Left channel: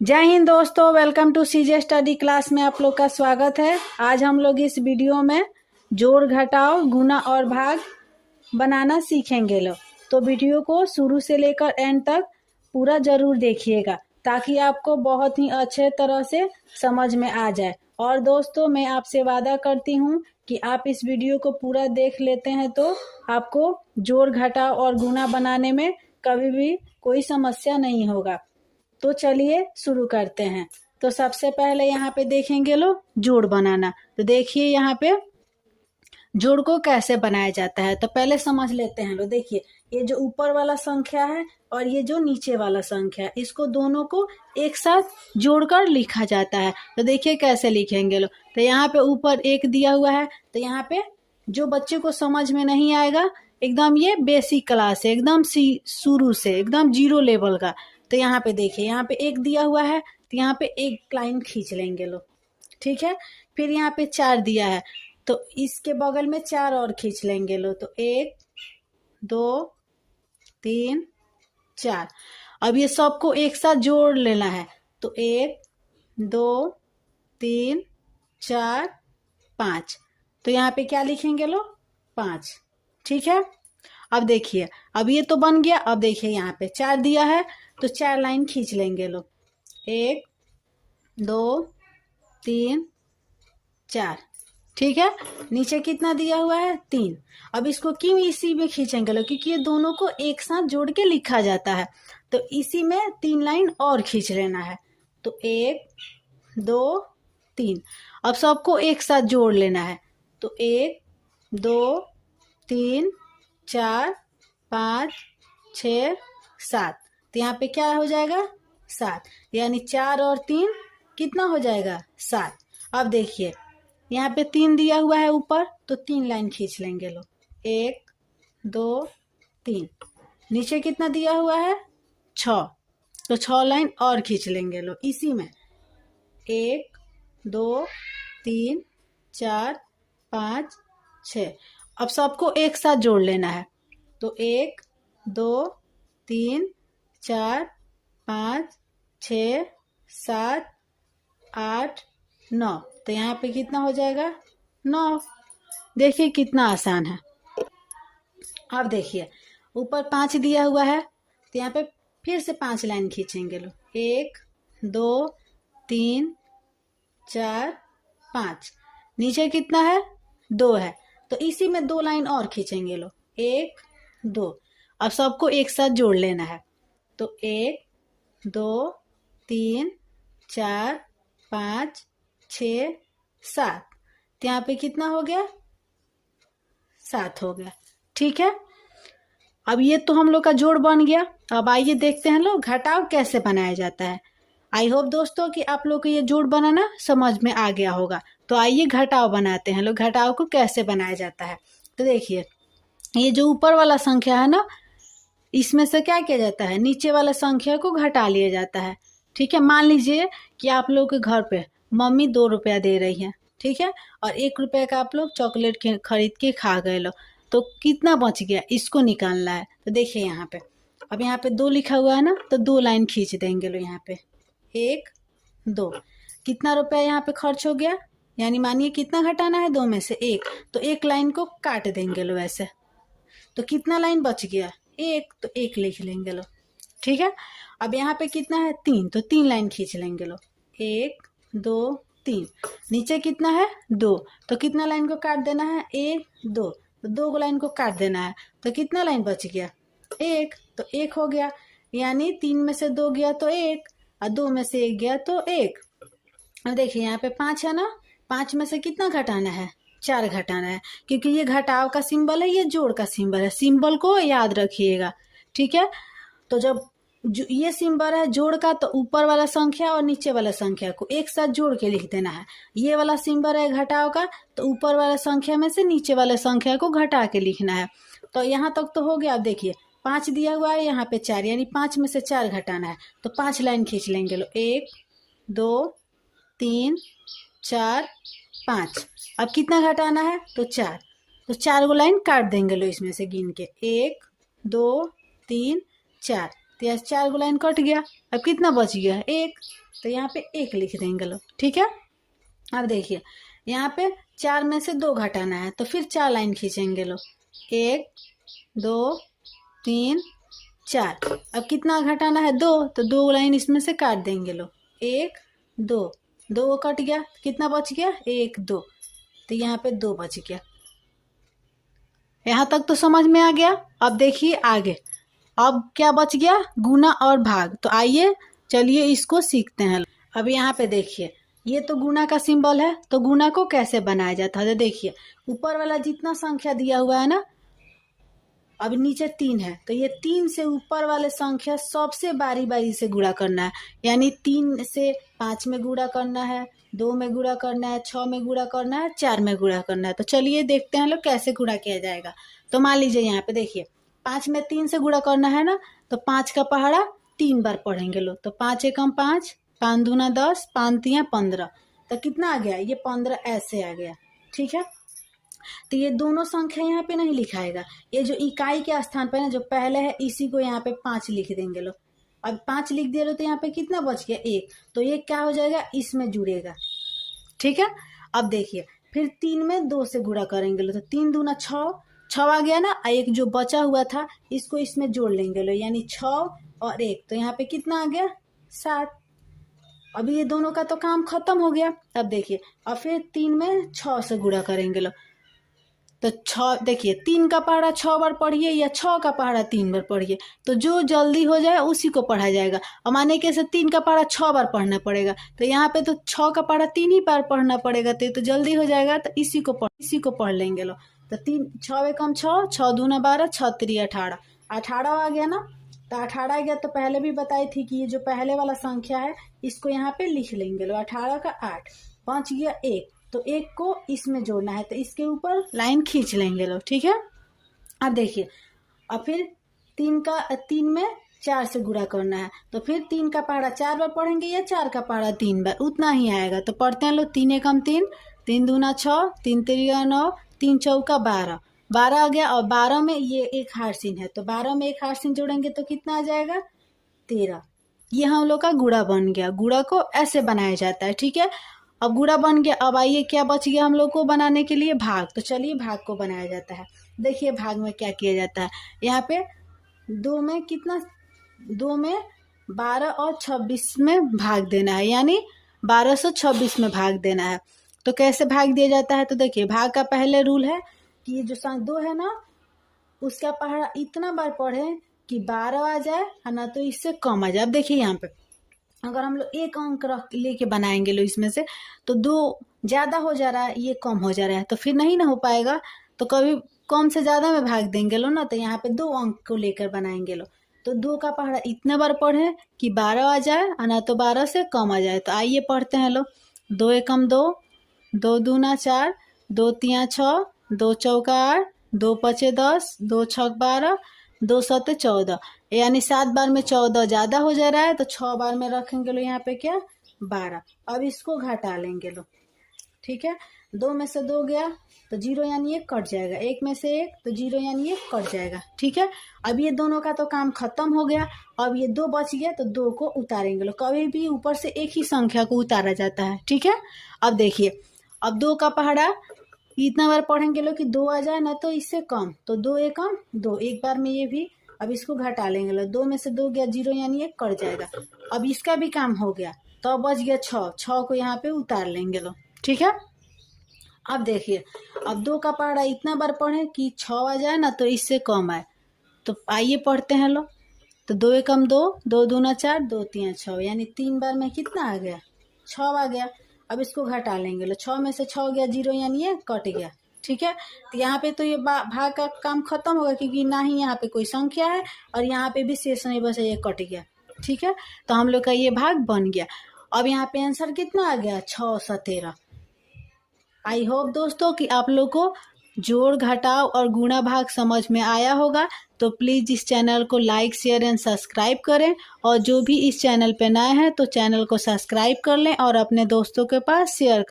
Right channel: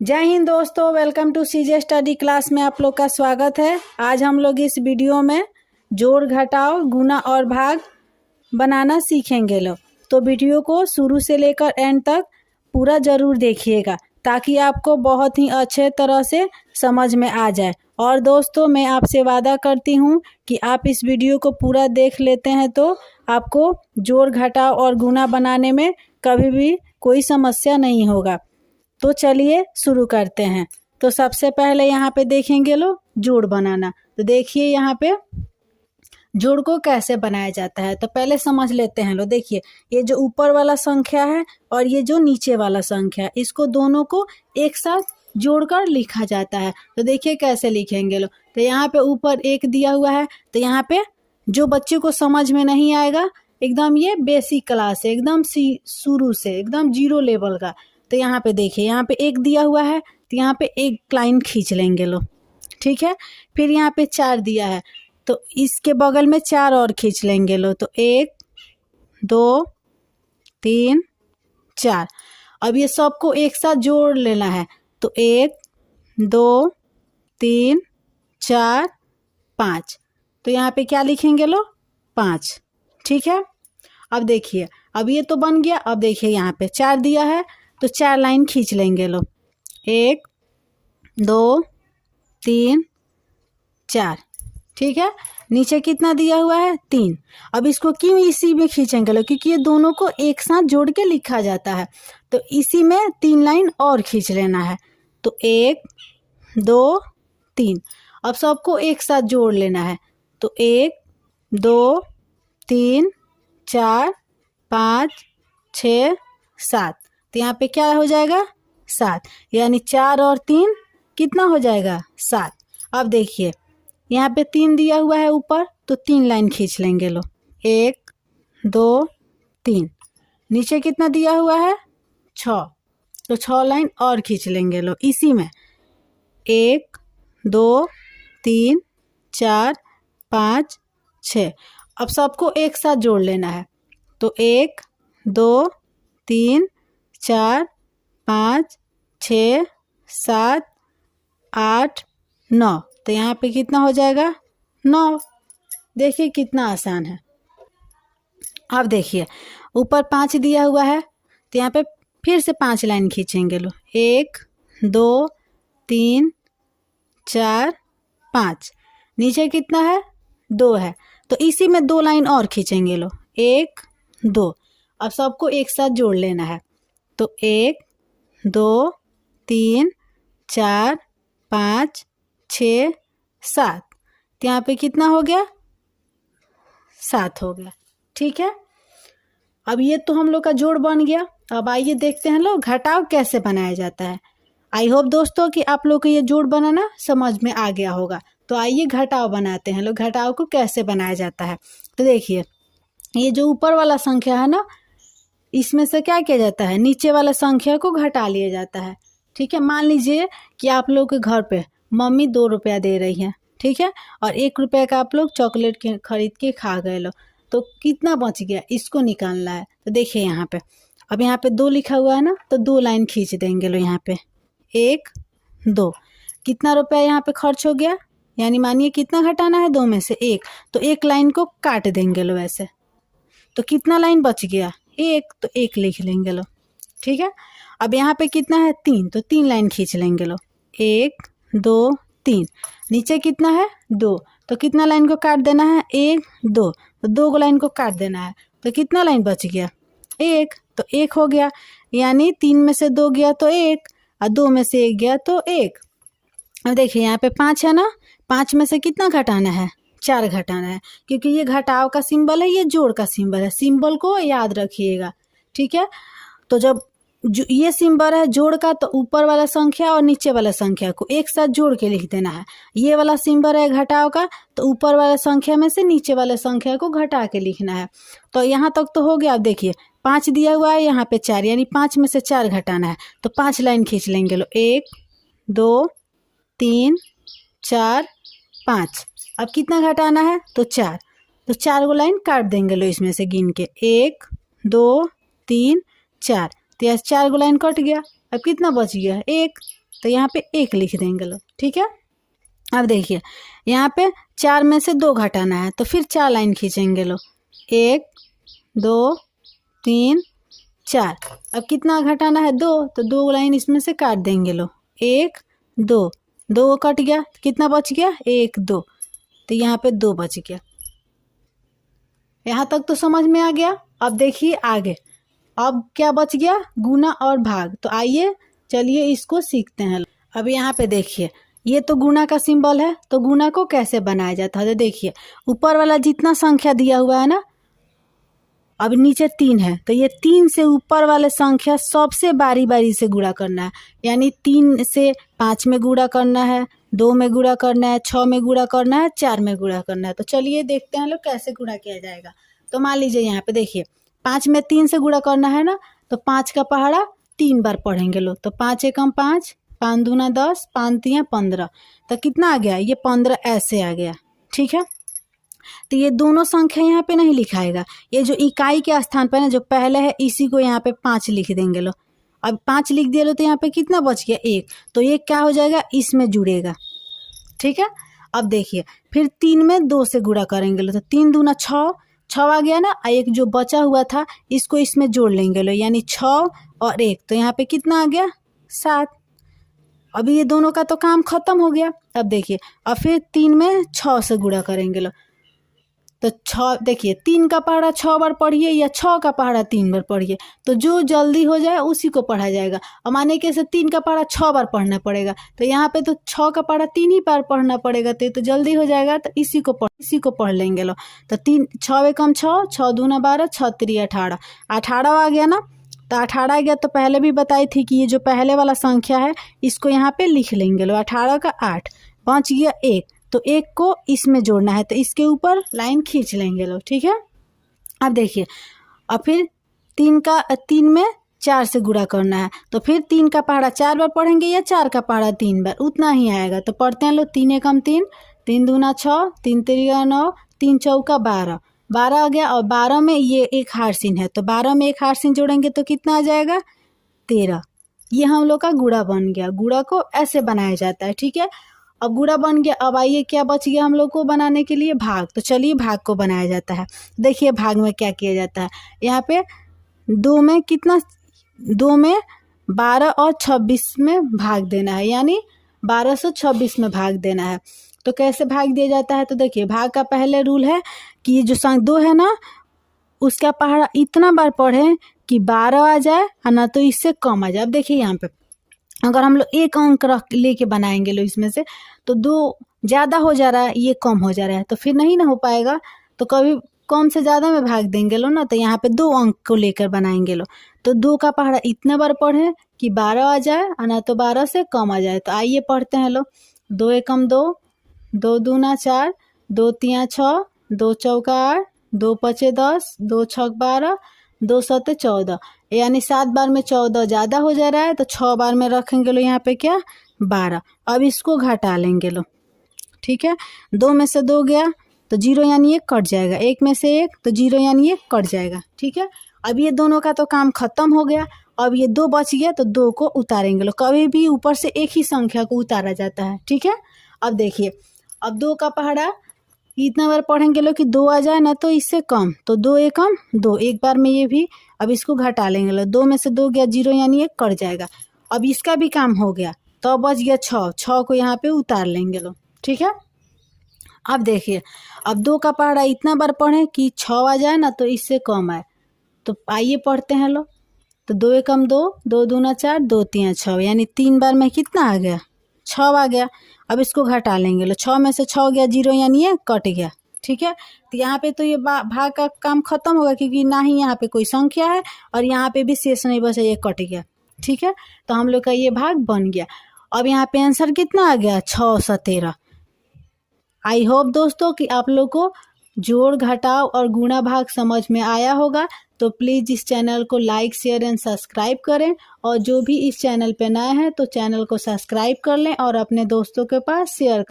जय हिंद दोस्तों, welcome to CJ study class में आप लोग का स्वागत है। आज हम लोग इस वीडियो में जोड़ घटाव गुणा और भाग बनाना सीखेंगे लोग। तो वीडियो को शुरू से लेकर एंड तक पूरा ज़रूर देखिएगा ताकि आपको बहुत ही अच्छे तरह से समझ में आ जाए। और दोस्तों, मैं आपसे वादा करती हूँ कि आप इस वीडियो को पूरा देख लेते हैं तो आपको जोड़ घटाव और गुणा बनाने में कभी भी कोई समस्या नहीं होगा। तो चलिए शुरू करते हैं। तो सबसे पहले यहाँ पे देखेंगे लोग जोड़ बनाना। तो देखिए यहाँ पे जोड़ को कैसे बनाया जाता है। तो पहले समझ लेते हैं लोग। देखिए ये जो ऊपर वाला संख्या है और ये जो नीचे वाला संख्या है, इसको दोनों को एक साथ जोड़कर लिखा जाता है। तो देखिए कैसे लिखेंगे लोग। तो यहाँ पे ऊपर एक दिया हुआ है। तो यहाँ पे जो बच्चे को समझ में नहीं आएगा, एकदम ये बेसिक क्लास है, एकदम शुरू से एकदम जीरो लेवल का। तो यहाँ पे देखिए, यहाँ पे एक दिया हुआ है तो यहाँ पे एक लाइन खींच लेंगे लोग, ठीक है। फिर यहाँ पे 4 दिया है तो इसके बगल में 4 और खींच लेंगे लोग। तो 1 2 3 4। अब ये सबको एक साथ जोड़ लेना है। तो 1 2 3 4 5। तो यहाँ पे क्या लिखेंगे लोग? 5, ठीक है। अब देखिए, अब ये तो बन गया। अब देखिए यहाँ पे 4 दिया है तो 4 लाइन खींच लेंगे लोग। 1 2 3 4, ठीक है। नीचे कितना दिया हुआ है? 3। अब इसको क्यों इसी में खींचेंगे लोग? क्योंकि ये दोनों को एक साथ जोड़ के लिखा जाता है। तो इसी में 3 लाइन और खींच लेना है। तो 1 2 3। अब सबको एक साथ जोड़ लेना है। तो 1 2 3 4 5 6 7। तो यहाँ पे क्या हो जाएगा? 7। यानी 4 और 3 कितना हो जाएगा? 7। अब देखिए यहाँ पे 3 दिया हुआ है ऊपर, तो 3 लाइन खींच लेंगे लो। 1 2 3। नीचे कितना दिया हुआ है? 6। तो 6 लाइन और खींच लेंगे लो इसी में। 1 2 3 4 5 6। अब सबको एक साथ जोड़ लेना है। तो 1 2 3 4 5 6 7 8 9। तो यहाँ पे कितना हो जाएगा? 9। देखिए कितना आसान है। अब देखिए ऊपर 5 दिया हुआ है तो यहाँ पे फिर से 5 लाइन खींचेंगे लो। 1 2 3 4 5। नीचे कितना है? 2 है तो इसी में 2 लाइन और खींचेंगे लो। 1 2। अब सबको एक साथ जोड़ लेना है। तो 1 2 3 4 5 6 7। तो यहाँ पे कितना हो गया? 7 हो गया, ठीक है। अब ये तो हम लोग का जोड़ बन गया। अब आइए देखते हैं लोग घटाव कैसे बनाया जाता है। आई होप दोस्तों कि आप लोग को ये जोड़ बनाना समझ में आ गया होगा। तो आइए घटाव बनाते हैं लोग। घटाव को कैसे बनाया जाता है। तो देखिए ये जो ऊपर वाला संख्या है ना, इसमें से क्या किया जाता है? नीचे वाला संख्या को घटा लिया जाता है, ठीक है। मान लीजिए कि आप लोग के घर पे मम्मी 2 रुपया दे रही है, ठीक है, और 1 रुपये का आप लोग चॉकलेट खरीद के खा गए लो। तो कितना बच गया, इसको निकालना है। तो देखिए यहाँ पे, अब यहाँ पे 2 लिखा हुआ है ना, तो 2 लाइन खींच देंगे लो यहाँ पे। 1 2। कितना रुपया यहाँ पे खर्च हो गया? यानी मानिए कितना घटाना है? 2 में से 1। तो 1 लाइन को काट देंगे लो ऐसे। तो कितना लाइन बच गया? 1। तो 1 लिख लेंगे लो, ठीक है। अब यहाँ पे कितना है? 3। तो 3 लाइन खींच लेंगे लो। 1 2 3। नीचे कितना है? 2। तो कितना लाइन को काट देना है? 1 2। तो 2 लाइन को काट देना है। तो कितना लाइन बच गया? 1। तो 1 हो गया। यानी 3 में से 2 गया तो 1 और 2 में से 1 गया तो 1। अब देखिए यहाँ पे 5 है ना, 5 में से कितना घटाना है? 4 घटाना है। क्योंकि ये घटाव का सिंबल है, ये जोड़ का सिंबल है। सिंबल को याद रखिएगा, ठीक है। तो जब जो ये सिंबल है जोड़ का, तो ऊपर वाला संख्या और नीचे वाला संख्या को एक साथ जोड़ के लिख देना है। ये वाला सिंबल है घटाव का, तो ऊपर वाला संख्या में से नीचे वाला संख्या को घटा के लिखना है। तो यहाँ तक तो हो गया। अब देखिए 5 दिया हुआ है, यहाँ पे 4, यानी 5 में से 4 घटाना है। तो 5 लाइन खींच लेंगे लो। 1 2 3 4 5। अब कितना घटाना है? तो 4। तो 4 लाइन काट देंगे लो इसमें से गिन के। 1 2 3 4। तो यहाँ 4 लाइन कट गया। अब कितना बच गया, 1, तो यहाँ पे 1 लिख देंगे लोग, ठीक है। अब देखिए यहाँ पे 4 में से 2 घटाना है, तो फिर 4 लाइन खींचेंगे लोग, 1 2 3 4। अब कितना घटाना है, 2, तो 2 लाइन इसमें से काट देंगे लोग, 1 2, 2 कट गया, कितना बच गया, 1 2, तो यहाँ पे 2 बच गया। यहाँ तक तो समझ में आ गया। अब देखिए आगे, अब क्या बच गया, गुना और भाग। तो आइए चलिए इसको सीखते हैं। अब यहाँ पे देखिए ये तो गुना का सिंबल है, तो गुना को कैसे बनाया जाता है, तो देखिए ऊपर वाला जितना संख्या दिया हुआ है ना, अब नीचे 3 है, तो ये 3 से ऊपर वाले संख्या सबसे बारी बारी से गुणा करना है। यानी 3 से 5 में गुणा करना है, 2 में गुणा करना है, 6 में गुणा करना है, 4 में गुणा करना है। तो चलिए देखते हैं लोग कैसे गुणा किया जाएगा। तो मान लीजिए यहाँ पे देखिए 5 में 3 से गुणा करना है ना, तो 5 का पहाड़ा 3 बार पढ़ेंगे लोग। तो 5 एकम 5, 5 दूना 10, 5 तिया 15, तो कितना आ गया, ये 15 ऐसे आ गया, ठीक है। तो ये दोनों संख्या यहाँ पे नहीं लिखाएगा, ये जो इकाई के स्थान पर ना जो पहले है इसी को यहाँ पे 5 लिख देंगे लोग। अब 5 लिख दिए लो, तो यहाँ पे कितना बच गया, 1, तो ये क्या हो जाएगा, इसमें जुड़ेगा, ठीक है। अब देखिए फिर 3 में 2 से गुणा करेंगे लो, तो 3 दूना 6, 6 आ गया ना, एक जो बचा हुआ था इसको इसमें जोड़ लेंगे लो, यानी 6 और 1, तो यहाँ पे कितना आ गया, 7। अभी ये दोनों का तो काम खत्म हो गया। अब देखिए अब फिर 3 में 6 से गुणा करेंगे लो, तो 6 देखिए 3 का पहाड़ा 6 बार पढ़िए या 6 का पहाड़ा 3 बार पढ़िए, तो जो जल्दी हो जाए उसी को पढ़ा जाएगा। और माने कि 3 का पहाड़ा 6 बार पढ़ना पड़ेगा, तो यहाँ पे तो 6 का पहाड़ा 3 ही बार पढ़ना पड़ेगा, तो ये तो जल्दी हो जाएगा, तो इसी को पढ़ लेंगे लो। तो 3 6 एकम 6, 6 दूना 12, 6 3 18, 18 आ गया ना, तो 18 आ गया। तो पहले भी बताई थी कि ये जो पहले वाला संख्या है इसको यहाँ पे लिख लेंगे लो, 18 का 8, बच गया 1, तो 1 को इसमें जोड़ना है, तो इसके ऊपर लाइन खींच लेंगे लोग, ठीक है। अब देखिए अब फिर 3 में 4 से गुणा करना है, तो फिर 3 का पहाड़ा 4 बार पढ़ेंगे या 4 का पहाड़ा 3 बार, उतना ही आएगा। तो पढ़ते हैं लोग, 3 एकम 3, 3 दूना 6, 3 तिरिया 9, 3 चौका 12, 12 आ गया। और 12 में ये एक हारसीन है, तो 12 में एक हारसीन जोड़ेंगे तो कितना आ जाएगा, 13। ये हम लोग का गुणा बन गया। गुणा को ऐसे बनाया जाता है, ठीक है। अब गुणा बन गया, अब आइए क्या बच गया हम लोग को बनाने के लिए, भाग। तो चलिए भाग को बनाया जाता है। देखिए भाग में क्या किया जाता है, यहाँ पे 2 में कितना, 2 में 12 और 26 में भाग देना है, यानी 1226 में भाग देना है। तो कैसे भाग दिया जाता है, तो देखिए भाग का पहले रूल है कि ये जो संख्या 2 है ना, उसका पहाड़ा इतना बार पढ़ें कि 12 आ जाए और ना तो इससे कम आ जाए। अब देखिए यहाँ पे अगर हम लोग 1 अंक रख लेके बनाएंगे लोग इसमें से, तो 2 ज़्यादा हो जा रहा है, ये कम हो जा रहा है, तो फिर नहीं ना हो पाएगा। तो कभी कम से ज़्यादा में भाग देंगे लो ना, तो यहाँ पे 2 अंक को लेकर बनाएंगे लो। तो 2 का पहाड़ा इतना बार पढ़ें कि 12 आ जाए और ना तो 12 से कम आ जाए। तो आइए पढ़ते हैं लो, 2 एकम 2, 2 दूना 4, 2 तिया 6, 2 चौका 8, 2 पचे 10, 2 छक 12, 2 सते 14, यानी 7 बार में 14 ज़्यादा हो जा रहा है, तो 6 बार में रखेंगे लो यहाँ पे क्या, 12। अब इसको घटा लेंगे लो, ठीक है। 2 में से 2 गया तो 0 यानी 1 कट जाएगा, 1 में से 1 तो 0 यानी 1 कट जाएगा, ठीक है। अब ये दोनों का तो काम खत्म हो गया। अब ये 2 बच गया, तो 2 को उतारेंगे लो। कभी भी ऊपर से एक ही संख्या को उतारा जाता है, ठीक है। अब देखिए अब 2 का पहाड़ा इतना बार पढ़ेंगे लो कि 2 आ जाए ना तो इससे कम, तो 2 एकम 2, एक बार में ये भी। अब इसको घटा लेंगे लो, 2 में से 2 गया, 0 यानी 1 कट जाएगा। अब इसका भी काम हो गया, तो अब बच गया 6, 6 को यहाँ पे उतार लेंगे लो, ठीक है। अब देखिए अब 2 का पहाड़ा इतना बार पढ़ें कि 6 आ जाए ना तो इससे कम आए। तो आइए पढ़ते हैं लो, तो 2 एकम 2, 2 दूना 4, 2 तिया 6, यानी 3 बार में कितना आ गया, 6 आ गया। अब इसको घटा लेंगे लो, 6 में से 6 गया, 0 यानी ये कट गया, ठीक है। तो यहाँ पे तो ये भाग का काम खत्म होगा, क्योंकि ना ही यहाँ पे कोई संख्या है और यहाँ पे भी शेष नहीं बचा, ये कट गया, ठीक है। तो हम लोग का ये भाग बन गया। अब यहाँ पे आंसर कितना आ गया, 6 17। आई होप दोस्तों कि आप लोग को जोड़ घटाव और गुणा भाग समझ में आया होगा। तो प्लीज़ इस चैनल को लाइक शेयर एंड सब्सक्राइब करें, और जो भी इस चैनल पे नए हैं तो चैनल को सब्सक्राइब कर लें और अपने दोस्तों के पास शेयर